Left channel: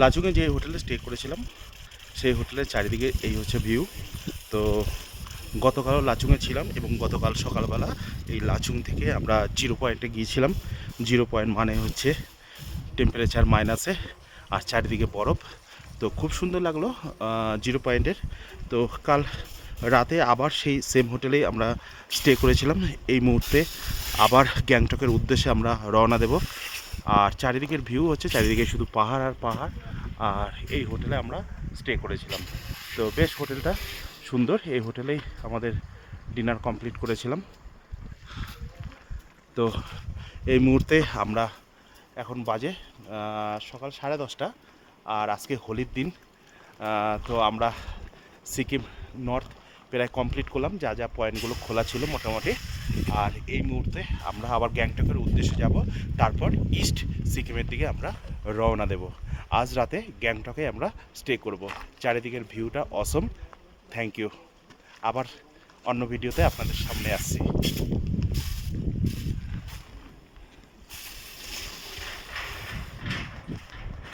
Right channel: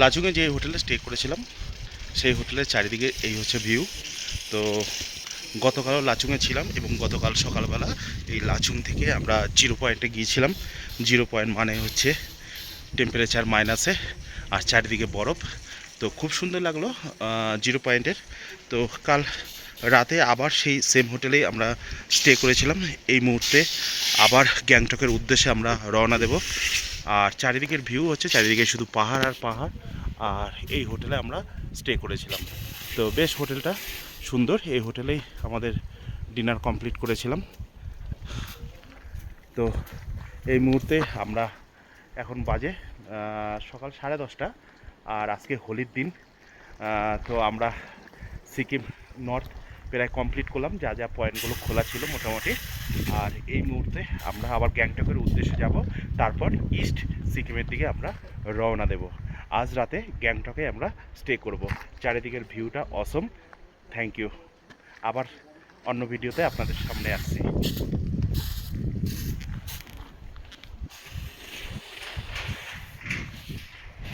লাচুংয়ে যে হোটেলে স্টে করেছিলাম সেই হোটেলের চারিদিকে এই হচ্ছে ভিউ। তো গতকালও লাচুংয়ে ছিলাম এবং গতকাল সকালবেলা এই লাচুং থেকে আমরা জিরো পয়েন্টে গিয়েছিলাম। জিরো পয়েন্ট মানে হচ্ছে টেম্পারেচার মাইনাসে আর চারিদিকে বরফ। তো খুব সুন্দর লাগলো জিরো পয়েন্টের। তো কাল রাতে আবার সেই সেম হোটেলেই আমরা স্টে করেছিলাম। এই মুহূর্তে আবার গ্যাংটকের উদ্দেশ্যে আমরা রওনা দেব। আর চারিদিকের ভিউ হচ্ছে চারিদিকে শুধু পাহাড় আর পাহাড়। আর এই হোটেলে আমরা স্টে করেছিলাম। তো বেশ হোটেলটা সুন্দর। এই হোটেলেই আমাদের ডিনার কমপ্লিট করেছিলাম। তো এই মুহূর্তে আমরা এখন বাজে সকাল 10:30। আর আজকে হোলির দিন। তো আমরা সিকিম নর্থ প্রায় কমপ্লিট করলাম, যা যা পয়েন্টগুলো খোলা ছিল মোটামুটি। আর এই মুহূর্তে আমরা আবার গ্যাংটকের উদ্দেশ্যে যাব, তারপর ইস্ট সিকিমের দিকে আমরা রওনা দেব। আজ রাতে গ্যাংটকে আমরা স্টে করব। চারিদিকের ভিউটা অসম। Thank you. আবার অন্য ভিডিওতে আপনাদের সামনে আসছি।